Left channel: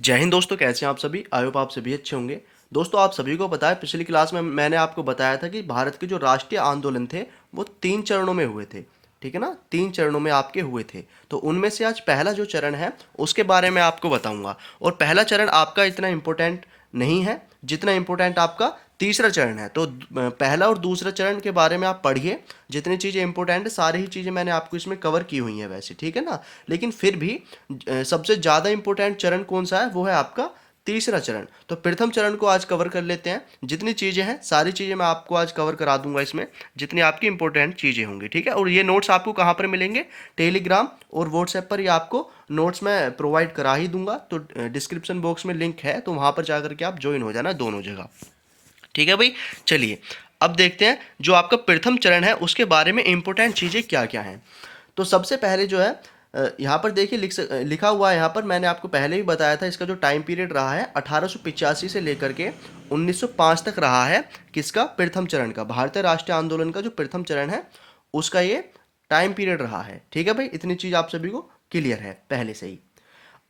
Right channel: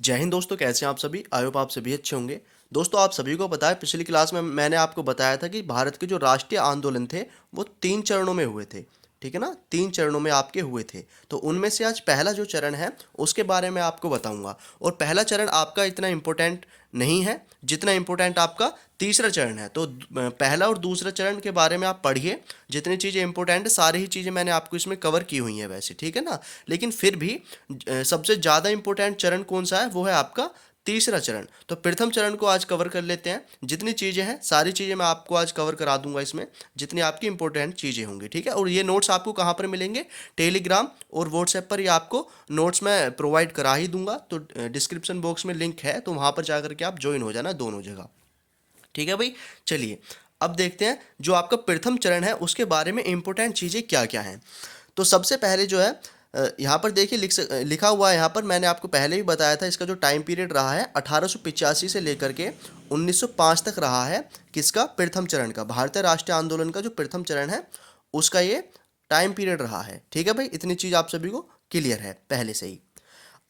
जय हिंद दोस्तों, कैसे हैं आप सभी। आई होप आप सभी अच्छे होंगे। दोस्तों, आप सभी को पता है, पिछली क्लास में मैंने आपको बताया था कि भारत के जो राष्ट्रीय आंदोलन थे वो 3 चरणों में हुए थे। ठीक है ना, 3 चरणों में आपके हुए थे। तो उनमें से आज पहला जो चरण है उसके बारे में आपको बताऊंगा। और पहला चरण आपका इतना इम्पोर्टेंट नहीं है जितना इम्पोर्टेंट आपका तीसरा चरण है। तो पहला और दूसरा चरण के बारे में आप पढ़िए। जितनी चीज़ें इंपॉर्टेंट है सारी ही चीज़ें मैंने आपको इसमें कवर की हुई हैं वैसे, ठीक है ना। लेकिन फिर भी सबसे ज़्यादा इंपॉर्टेंट चरण कौन सा है, वो है आपका तीसरा चरण। तो प्रथम चरण को आज कवर कर लेते हैं। जितनी चीज़ें हैं सारी चीज़ें मैं आपको आज कवर करा दूंगा इसमें, जितनी आपकी इंपॉर्टेंट चीज़ें होंगी, ठीक है। और ये नोट्स आपको कहाँ पर मिलेंगे, टेलीग्राम और व्हाट्सएप पर। ये आपको नोट्स मैं प्रोवाइड करा ही दूंगा। तो डिस्क्रिप्शन बॉक्स में लिंक है, तो वहाँ पर जाकर के आप ज्वाइन हो जाना दोनों जगह, ठीक है भाई। चलिए अब देखते हैं जो आपका प्रथम चरण है उसके बारे में इंपॉर्टेंट चीज़ें क्या क्या हैं। तो सबसे पहले जो है यहाँ पर देखिए लिखा हुआ है। यहाँ पर मैंने आपको पहले ही बताया था, इसका जो टाइम पीरियड रहा है 1885 से लेकर के 1905 तक रहा है। किसका, प्रथम चरण का, भारतीय राष्ट्रीय आंदोलन का जो प्रथम चरण है उसका ये टाइम पीरियड रहा है, ठीक है भाई। इतनी चीज़ आप सभी को क्लियर है पहले से ही।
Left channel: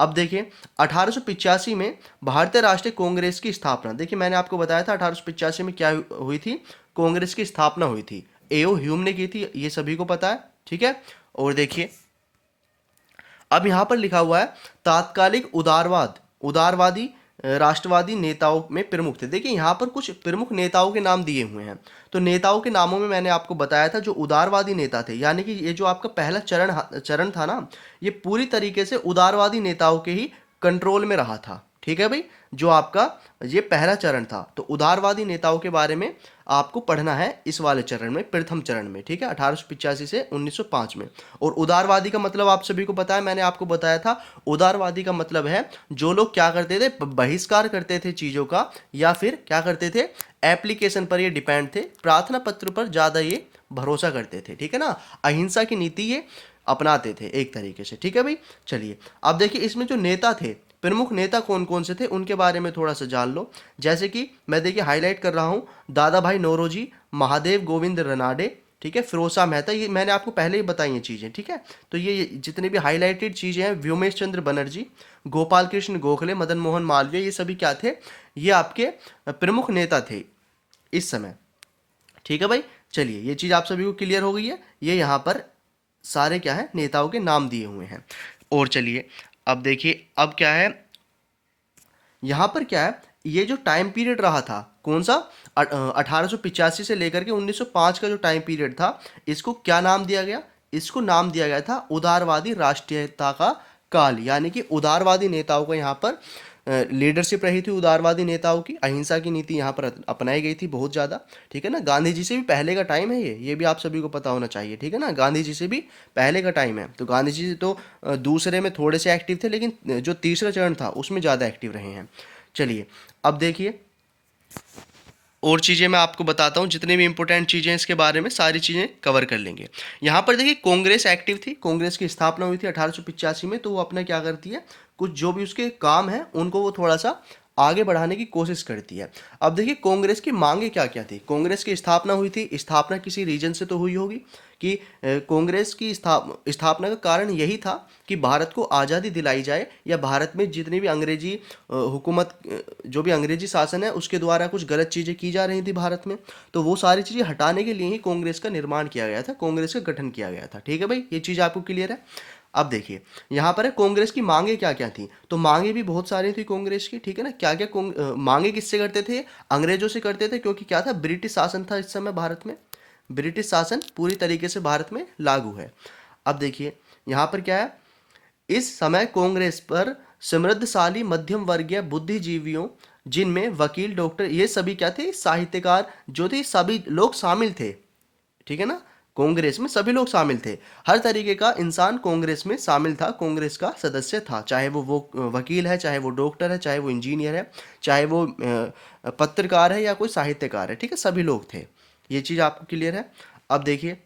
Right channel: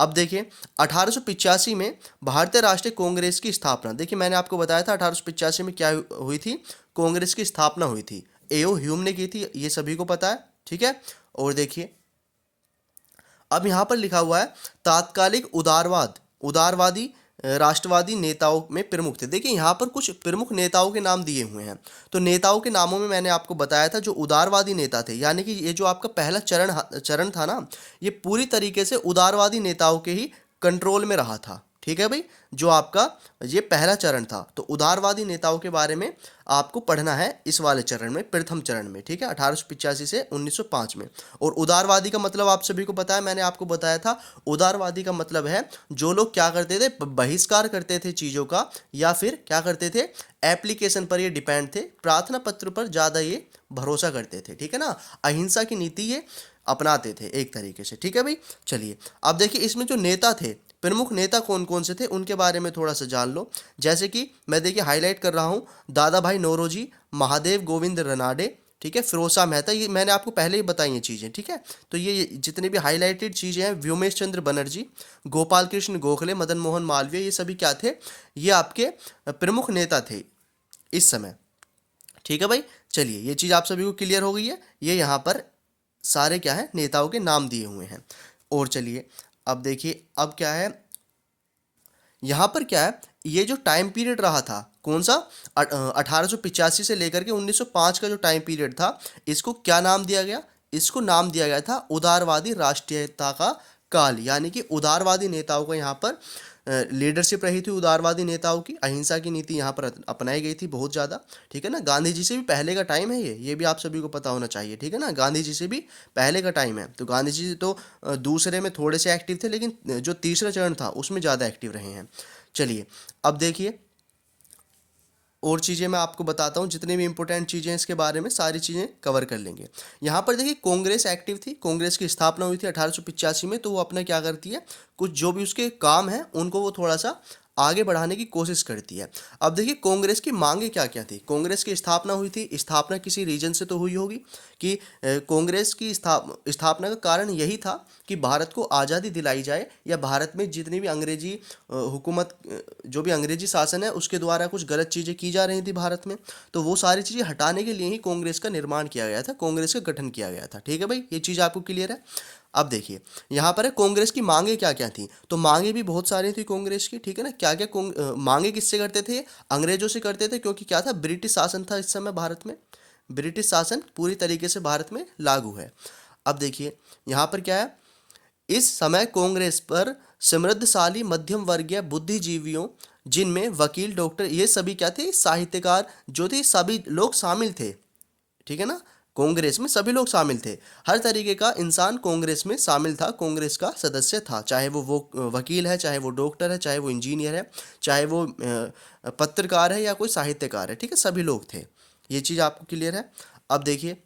अब देखिए 1885 में भारतीय राष्ट्रीय कांग्रेस की स्थापना। देखिए मैंने आपको बताया था 1885 में क्या हुई थी, कांग्रेस की स्थापना हुई थी। एओ ह्यूम ने की थी, ये सभी को पता है, ठीक है। और देखिए अब यहाँ पर लिखा हुआ है तात्कालिक उदारवादी राष्ट्रवादी नेताओं में प्रमुख थे। देखिए यहाँ पर कुछ प्रमुख नेताओं के नाम दिए हुए हैं। तो नेताओं के नामों में मैंने आपको बताया था जो उदारवादी नेता थे, यानी कि ये जो आपका पहला चरण था ना, ये पूरी तरीके से उदारवादी नेताओं के ही कंट्रोल में रहा था, ठीक है भाई। जो आपका ये पहला चरण था, तो उदारवादी नेताओं के बारे में आपको पढ़ना है इस वाले चरण में, प्रथम चरण में, ठीक है, 1885 से 1905 में। और उदारवादी का मतलब आप सभी को पता है, मैंने आपको बताया था। उदारवादी का मतलब है जो लोग क्या करते थे, बहिष्कार करते थे चीज़ों का, या फिर क्या करते थे, एप्लीकेशन पर ये डिपेंड थे, प्रार्थना पत्र पर ज़्यादा ये भरोसा करते थे, ठीक है ना। अहिंसा की नीति ये अपनाते थे एक तरीके से, ठीक है भाई। चलिए अब देखिए इसमें जो नेता थे, प्रमुख नेता कौन कौन से थे उनके बारे में थोड़ा सा जान लो। जैसे कि मैं देखिए हाईलाइट कर रहा हूँ, दादा भाई नौरोजी, महादेव गोविंद रनाडे, ठीक है, फिरोज शाह मेहता, ये मैंने आपको पहले ही बताई हैं चीज़ें, ठीक है। तो ये जितने भी हाईलाइटेड चीज़ें हैं, व्योमेश चंद्र बनर्जी, गोपाल कृष्ण गोखले, मदन मोहन मालवीय, ये सभी क्या थे, ये आपके प्रमुख नेता थे इस समय, ठीक है भाई। चलिए ये चीज़ आप सभी को क्लियर हो गई है। ये यहाँ पर सारे क्या है, नेताओं के नाम दिए हुए हैं। और चलिए अब देखिए अब क्या है, यहाँ पर क्या है, ये जो टाइम पीरियड रहा था कौन सा, 1885 से लेकर के 1905 का जो टाइम पीरियड था, इसको क्या नाम दिया गया, इसको नाम दिया गया था उदारवादी राष्ट्रीयता का काल। यानी कि उदारवादी नेताओं को यहाँ पर लीडरशिप रही थी, उदारवादी नेताओं की अहिंसा की नीति यहाँ पर अपनाई गई थी बहुत ज़्यादा, ठीक है ना। गांधी जी से भी पहले का टाइम है ये भी आप सभी को पता होना चाहिए, ठीक है ना। गांधी जी से भी पहले का टाइम है। तो गांधी जी तो दूसरे में थोड़े से एक्टिव थे, लेकिन जो तीसरा चरण था उसमें ज़्यादा एक्टिव रहे हैं। चलिए अब देखिए और चीज़ें मैं आपको बताता हूँ, जितनी भी इंपॉर्टेंट चीज़ें इसके बारे में सारी चीज़ें कवर कर लेंगे। यहाँ पर देखिए कांग्रेस एक्टिव थी, कांग्रेस की स्थापना हुई थी 1885 में। तो वो अपना क्या करती है, कुछ जो भी उसके काम हैं उनको वो थोड़ा सा आगे बढ़ाने की कोशिश करती है। अब देखिए कांग्रेस की मांगे क्या क्या थी। कांग्रेस की स्थापना हुई थी, स्थापना किसी रीजन से तो हुई होगी कि कांग्रेस की स्थापना का कारण यही था कि भारत को आज़ादी दिलाई जाए, या भारत में जितनी भी अंग्रेजी हुकूमत, जो भी अंग्रेजी शासन है उसके द्वारा कुछ गलत चीज़ें की जा रही थी भारत में, तो वो सारी चीज़ें हटाने के लिए ही कांग्रेस का निर्माण किया गया था, कांग्रेस का गठन किया गया था, ठीक है भाई। ये चीज़ आपको क्लियर है। अब देखिए यहाँ पर है कांग्रेस की मांगे क्या क्या थी। तो मांगे भी बहुत सारी थी कांग्रेस की, ठीक है ना। क्या क्या मांगे किससे करते थे, अंग्रेजों से करते थे, क्योंकि क्या था, ब्रिटिश शासन था इस समय भारत में, ब्रिटिश शासन पूरी तरीके से भारत में लागू है। अब देखिए यहाँ पर क्या है, इस समय कांग्रेस पर समृद्धशाली मध्यम वर्गीय बुद्धिजीवियों, जिनमें वकील, डॉक्टर, ये सभी क्या थे, साहित्यकार जो थे, सभी लोग शामिल थे, ठीक है ना। कांग्रेस में सभी लोग शामिल थे, हर तरीके का इंसान कांग्रेस में शामिल था, कांग्रेस का सदस्य था। चाहे वो वकील है, चाहे वो डॉक्टर है, चाहे वो इंजीनियर है, चाहे वो पत्रकार है, या कोई साहित्यकार है, ठीक है, सभी लोग थे। ये चीज़ आपको क्लियर है। अब देखिए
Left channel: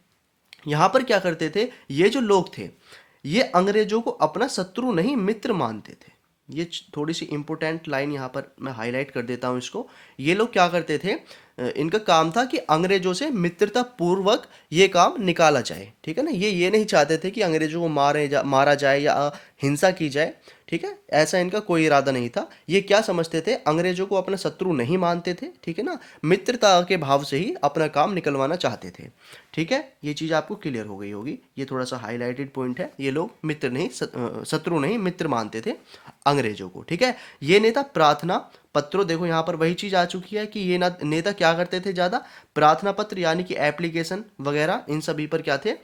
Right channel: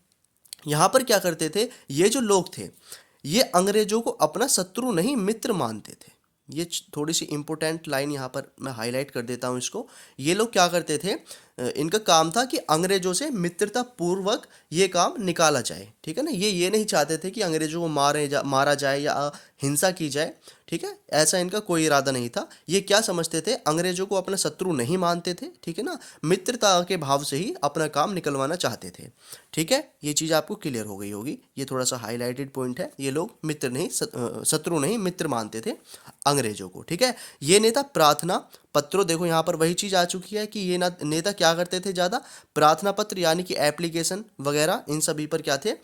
यहाँ पर क्या करते थे, ये जो लोग थे ये अंग्रेजों को अपना शत्रु नहीं मित्र मानते थे। ये थोड़ी सी इंपॉर्टेंट लाइन यहाँ पर मैं हाईलाइट कर देता हूँ इसको। ये लोग क्या करते थे, इनका काम था कि अंग्रेजों से मित्रता पूर्वक ये काम निकाला जाए, ठीक है ना। ये नहीं चाहते थे कि अंग्रेजों को मारा जाए या हिंसा की जाए, ठीक है, ऐसा इनका कोई इरादा नहीं था। ये क्या समझते थे, अंग्रेजों को अपना शत्रु नहीं मानते थे, ठीक है ना, मित्रता के भाव से ही अपना काम निकलवाना चाहते थे। ठीक है, ये चीज़ आपको क्लियर हो गई होगी, ये थोड़ा सा हाईलाइटेड पॉइंट है। ये लोग मित्र नहीं, शत्रु नहीं, मित्र मानते थे अंग्रेजों को। ठीक है, ये नेता प्रार्थना पत्रों, देखो यहाँ पर वही चीज़ आ चुकी है कि ये नेता क्या करते थे ज़्यादा, प्रार्थना पत्र यानी कि एप्लीकेशन वगैरह इन सभी पर क्या थे,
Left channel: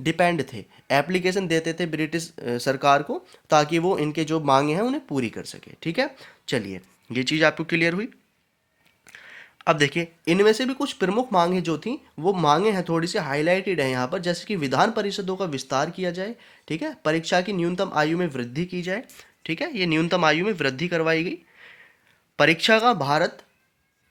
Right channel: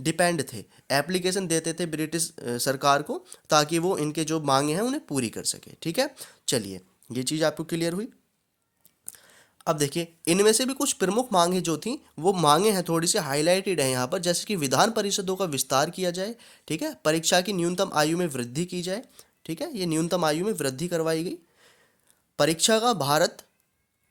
डिपेंड थे। एप्लीकेशन देते थे ब्रिटिश सरकार को, ताकि वो इनके जो मांगे हैं उन्हें पूरी कर सके। ठीक है, चलिए ये चीज़ आपको क्लियर हुई। अब देखिए, इनमें से भी कुछ प्रमुख मांगे जो थी, वो मांगे हैं थोड़ी सी हाईलाइटेड है यहाँ पर, जैसे कि विधान परिषदों का विस्तार किया जाए, ठीक है, परीक्षा की न्यूनतम आयु में वृद्धि की जाए, ठीक है, ये न्यूनतम आयु में वृद्धि करवाई गई, परीक्षा का भारत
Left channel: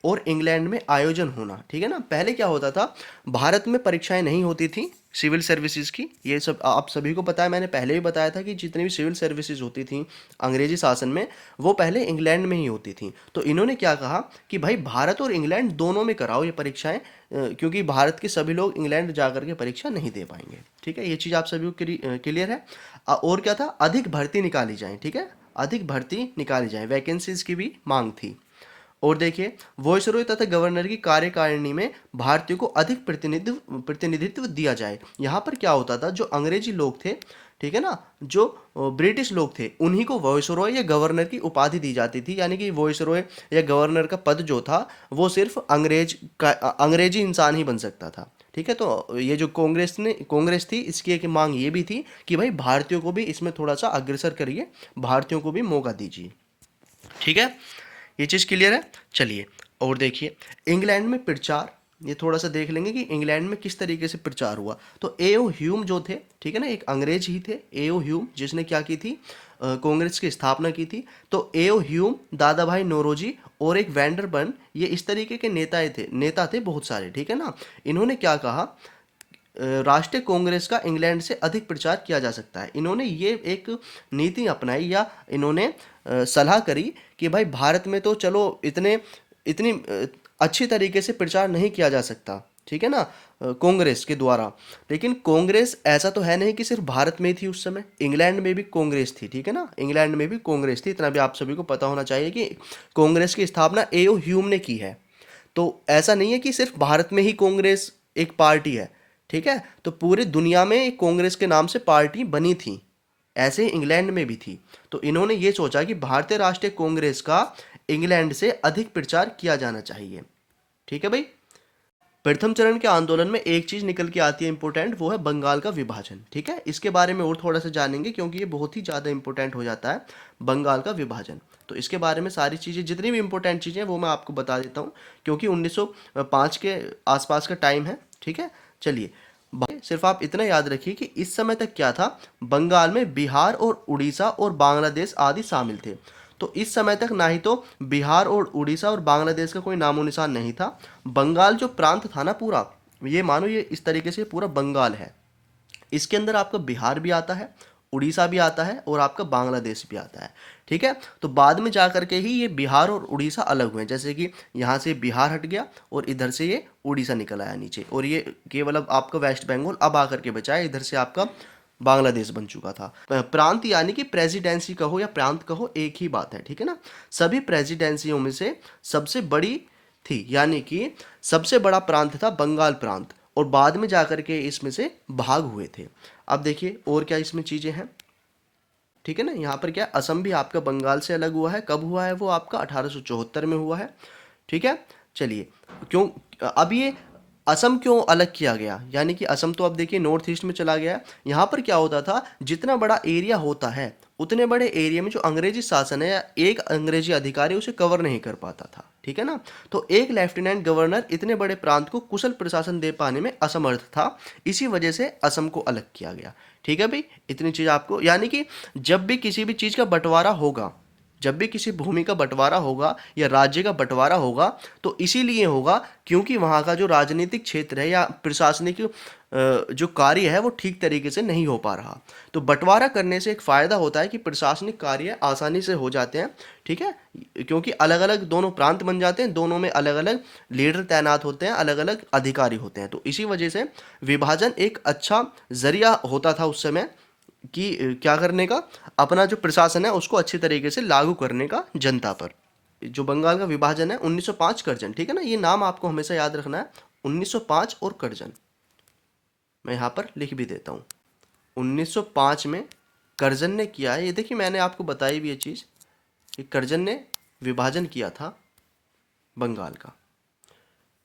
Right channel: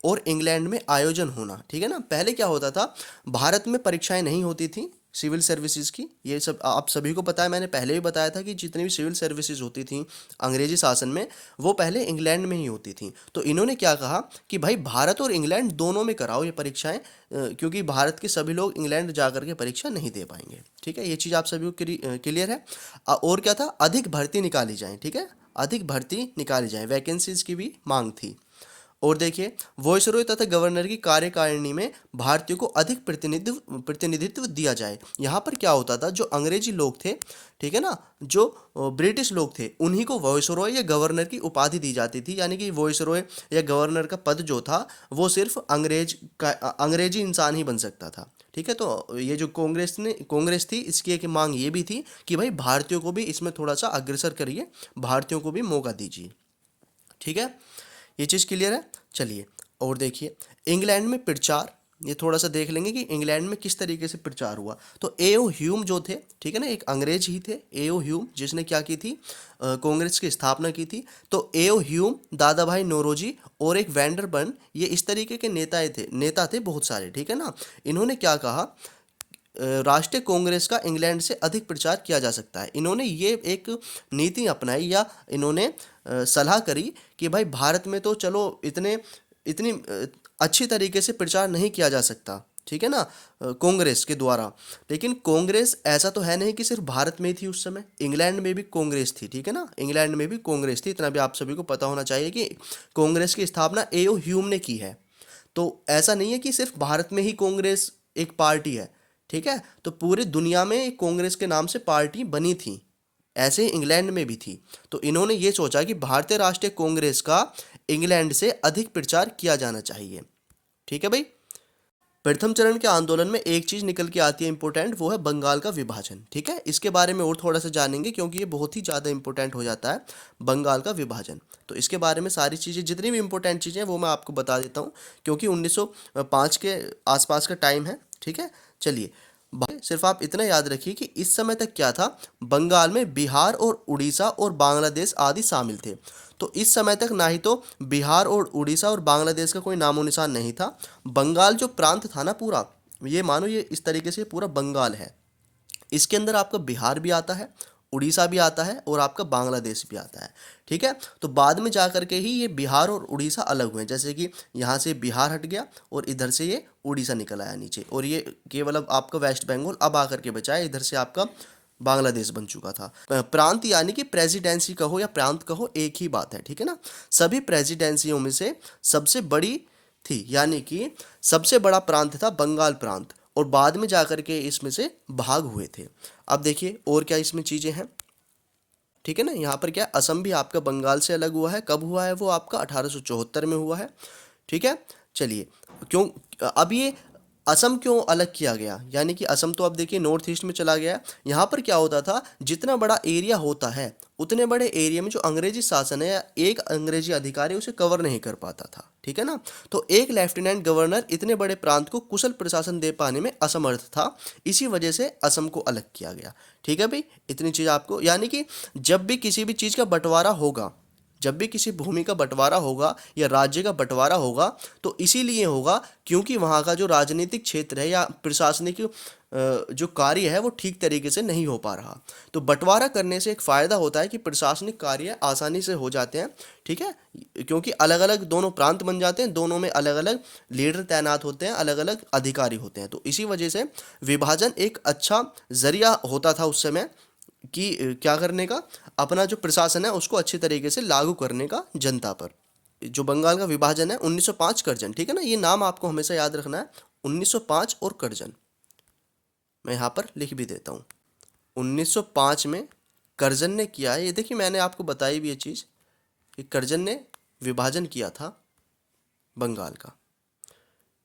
और इंग्लैंड में आयोजन होना। ठीक है ना, पहले क्या होता था, भारत में परीक्षाएं नहीं होती थी सिविल सर्विसेज की, ये सब आप सभी को पता है, मैंने पहले भी बताया था कि जितनी भी सिविल सर्विसेज होती थी अंग्रेजी शासन में, वो पहले इंग्लैंड में ही होती थी। तो इन्होंने क्या कहा कि भाई भारत और इंग्लैंड दोनों में कराओ ये परीक्षाएं, क्योंकि भारत के सभी लोग इंग्लैंड जा करके परीक्षा नहीं दे पाएंगे। ठीक है, ये चीज़ आप सभी को क्लियर है। और क्या था, अधिक भर्ती निकाली जाए, ठीक है, अधिक भर्ती निकाली जाए, वैकेंसीज की भी मांग थी। और देखिए, वॉइसरॉय तथा गवर्नर की कार्यकारिणी में भारतीयों को अधिक प्रतिनिधित्व दिया जाए। यहाँ पर क्या होता था, जो अंग्रेजी लोग थे, ठीक है ना, जो ब्रिटिश लोग थे, उन्हीं को वॉइसरॉय या गवर्नर की उपाधि दी जाती थी। यानी कि वॉइसरॉय या गवर्नर का पद जो था, वो सिर्फ अंग्रेजी इंसान ही बन सकता था। ठीक है, तो ये जो कांग्रेस थी, इसकी एक मांग ये भी थी कि भाई भारतीयों को भी इसमें थोड़ा सा अग्रसर करिए, भारतीयों को भी मौका दीजिए। ठीक है, ये चीज़ क्लियर है। चलिए और देखिए, इंग्लैंड में प्रचार, ये थोड़ा सा देख लेंगे कि इंग्लैंड में किस तरीके से प्रचार हुआ। तो एओ ह्यूम जो थे, ठीक है ना, एक अंग्रेज ही थे एओ ह्यूम, जिसने क्या की थी, कांग्रेस की स्थापना की थी। तो एओ ह्यूम, दादा भाई नौरोजी और एक वैंडरबर्न, ये इस तरीके के नेता थे बहुत सारे। ठीक है ना, इन्होंने क्या कहा, राष्ट्रीय कांग्रेस का इंग्लैंड से अधिक प्रचार किया जा सकता है। इन्होंने ये एक नीति अपनाई, या इन्होंने सलाह करी कि भाई भारत में तो चलो इतनी अच्छी तरीके से प्रचार नहीं किया जा सकता, ठीक है ना, कांग्रेस के द्वारा। लेकिन कांग्रेस ऐसा तो है नहीं कि सिर्फ भारत में ही थी, उस समय इंग्लैंड में भी कांग्रेस थी। ठीक है ना, इंग्लैंड में भी कांग्रेस थी, इतना भी आप सभी को पता होना चाहिए कि कांग्रेस की स्थापना एओ ह्यूम ने की है। तो ऐसा नहीं है कि सिर्फ भारत में ही कांग्रेस एक पार्टी है, ठीक है, तो पूरी दुनिया में एक कांग्रेस के नाम से पार्टी बनी थी, ऐसे ही इंग्लैंड में भी थी। तो इन्होंने ये सोचा कि भारतीय राष्ट्रीय कांग्रेस का इंग्लैंड से अधिक प्रचार किया जाना चाहिए। ठीक है भाई, प्रथम चरण के आंदोलन में एक चीज निकल के आती है इंपॉर्टेंट, वो है बंगाल का विभाजन। ठीक है, इसके बारे में और थोड़ा सा जानेंगे, क्योंकि ये बहुत ही ज़्यादा इंपॉर्टेंट हो जाता है, बंगाल का विभाजन। तो इसके बारे में सारी चीज़ें, जितनी भी इंपॉर्टेंट चीज़ें हैं वो मैं आपको बता देता हूँ, क्योंकि 1905 के आसपास का टाइम है। ठीक है, चलिए सिर्फ आप इतना याद रखिए कि इस समय तक क्या था, बंगाल में बिहार और उड़ीसा और बांग्लादेश आदि शामिल थे। तो इस समय तक ना ही तो बिहार और उड़ीसा और बांग्लादेश का कोई नामो निशान नहीं था। बंगाल जो प्रांत था ना पूरा, ये मानो ये इस तरीके से पूरा बंगाल है, इसके अंदर आपका बिहार भी आता है, उड़ीसा भी आता है और आपका बांग्लादेश भी आता है। ठीक है, तो बाद में जा करके ही ये बिहार और उड़ीसा अलग हुए, जैसे कि यहाँ से बिहार हट गया और इधर से ये उड़ीसा निकल आया नीचे, और ये केवल अब आपका वेस्ट बंगाल अब आकर के बचा है, इधर से आपका बांग्लादेश बन चुका था। प्रांत यानी कि प्रेसिडेंसी कहो या प्रांत कहो, एक ही बात है। ठीक है ना, सभी प्रेसिडेंसियों में से सबसे बड़ी थी, यानी कि सबसे बड़ा प्रांत था बंगाल प्रांत, और बाद में जाकर के इसमें से भाग हुए थे। अब देखिए और क्या इसमें चीज़ें हैं। ठीक है ना, यहाँ पर क्या, असम भी आपका बंगाल से अलग हुआ है, कब हुआ है वो, आपका 1874 में हुआ है। ठीक है, चलिए क्यों, अब ये असम क्यों अलग किया गया, यानी कि असम तो अब देखिए नॉर्थ ईस्ट में चला गया है। यहाँ पर क्या होता था, जितना बड़ा एरिया होता है, उतने बड़े एरिया में जो अंग्रेजी शासन है या एक अंग्रेजी अधिकारी उसे कवर नहीं कर पाता था। ठीक है ना, तो एक लेफ्टिनेंट गवर्नर इतने बड़े प्रांत को कुशल प्रशासन दे पाने में असमर्थ था, इसी वजह से असम को अलग किया गया। ठीक है भाई, इतनी चीज़ आपको, यानी कि जब भी किसी भी चीज़ का बंटवारा होगा, जब भी किसी भूमि का बंटवारा होगा या राज्य का बंटवारा होगा, तो इसीलिए होगा क्योंकि वहाँ का जो राजनीतिक क्षेत्र है या प्रशासनिक जो कार्य है वो ठीक तरीके से नहीं हो पा रहा। तो बंटवारा करने से एक फ़ायदा होता है कि प्रशासनिक कार्य आसानी से हो जाते हैं। ठीक है, क्योंकि अलग अलग दोनों प्रांत बन जाते हैं, दोनों में अलग अलग लीडर तैनात होते हैं, अलग अलग अधिकारी होते हैं। तो इसी वजह से विभाजन एक अच्छा जरिया होता था उस समय क्या करने का, अपना जो प्रशासन है उसको अच्छे तरीके से लागू करने का जनता पर। जो बंगाल का विभाजन है 1905 कर्जन, ठीक है ना, ये नाम आपको हमेशा याद रखना है, 1905 और कर्जन। मैं यहाँ पर लिख भी देता हूँ, 1905 में कर्जन ने किया है। ये देखिए मैंने आपको बताई भी ये चीज़ कि कर्जन ने विभाजन किया था बंगाल का।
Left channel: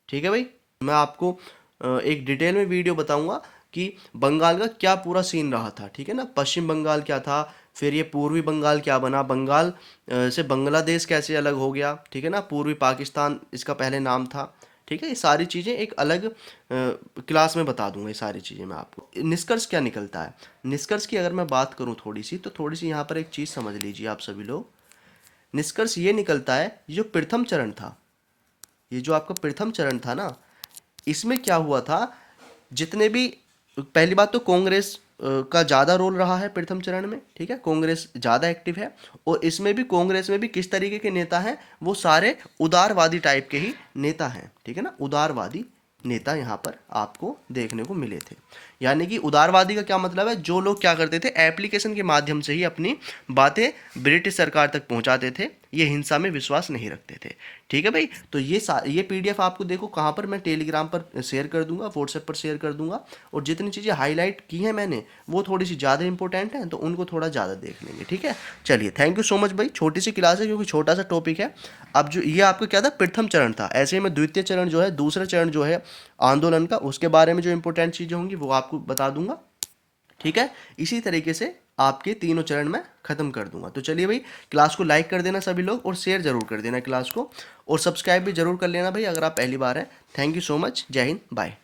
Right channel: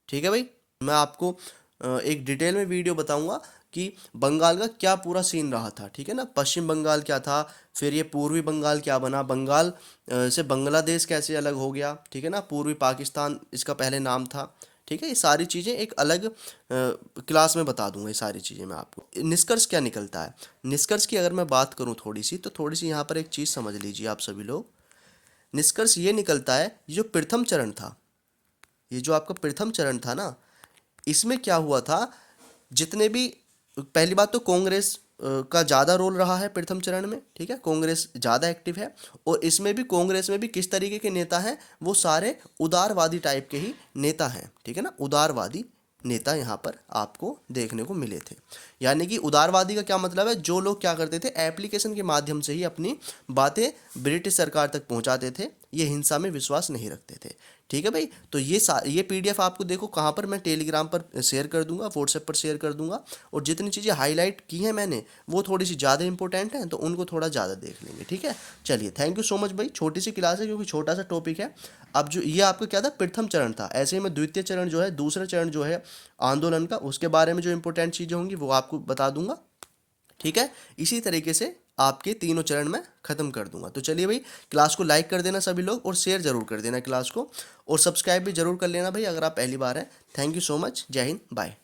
ठीक है भाई, मैं आपको एक डिटेल में वीडियो बताऊंगा कि बंगाल का क्या पूरा सीन रहा था। ठीक है ना, पश्चिम बंगाल क्या था, फिर ये पूर्वी बंगाल क्या बना, बंगाल से बांग्लादेश कैसे अलग हो गया, ठीक है ना, पूर्वी पाकिस्तान इसका पहले नाम था। ठीक है, ये सारी चीज़ें एक अलग क्लास में बता दूंगा, ये सारी चीज़ें मैं आपको। निष्कर्ष क्या निकलता है, निष्कर्ष की अगर मैं बात करूँ थोड़ी सी, तो थोड़ी सी यहाँ पर एक चीज़ समझ लीजिए आप सभी लोग। निष्कर्ष ये निकलता है, ये जो प्रथम चरण था, ये जो आपका प्रथम चरण था ना, इसमें क्या हुआ था, जितने भी, पहली बात तो कांग्रेस का ज़्यादा रोल रहा है प्रथम चरण में। ठीक है, कांग्रेस ज़्यादा एक्टिव है, और इसमें भी कांग्रेस में भी किस तरीके के नेता हैं, वो सारे उदारवादी टाइप के ही नेता हैं। ठीक है ना, उदारवादी नेता यहाँ पर आपको देखने को मिले थे। यानी कि उदारवादी का क्या मतलब है, जो लोग क्या करते थे, एप्लीकेशन के माध्यम से ही अपनी बातें ब्रिटिश सरकार तक पहुंचाते थे, ये हिंसा में विश्वास नहीं रखते थे। ठीक है भाई, तो ये पीडीएफ आपको देखो कहाँ पर, मैं टेलीग्राम पर शेयर कर दूंगा, व्हाट्सएप पर शेयर कर दूंगा, और जितनी चीज़ें हाईलाइट की हैं मैंने वो थोड़ी सी ज़्यादा इंपॉर्टेंट हैं, तो उनको थोड़ा ज़्यादा देख लेंगे। ठीक है, चलिए, थैंक यू सो मच भाई। छोटी सी क्लास है क्योंकि छोटा सा टॉपिक है। अब जो ये आपका क्या था, प्रथम चरण था, ऐसे ही मैं द्वितीय चरण जो है, दूसरा चरण जो है आंदोलन का, उसके बारे में जो इंपॉर्टेंट चीज़ें होंगी वो आपको बता दूंगा। ठीक है, इसी तरीके से आपके तीनों चरण में खत्म कर दूंगा। तो चलिए भाई, क्लास को लाइक कर देना सभी लोग, और शेयर जरूर कर देना क्लास को, और सब्सक्राइब भी जरूर कर लेना भाई अगर आप पहली बार हैं। थैंक यू सो मच, जय हिंद, बाय।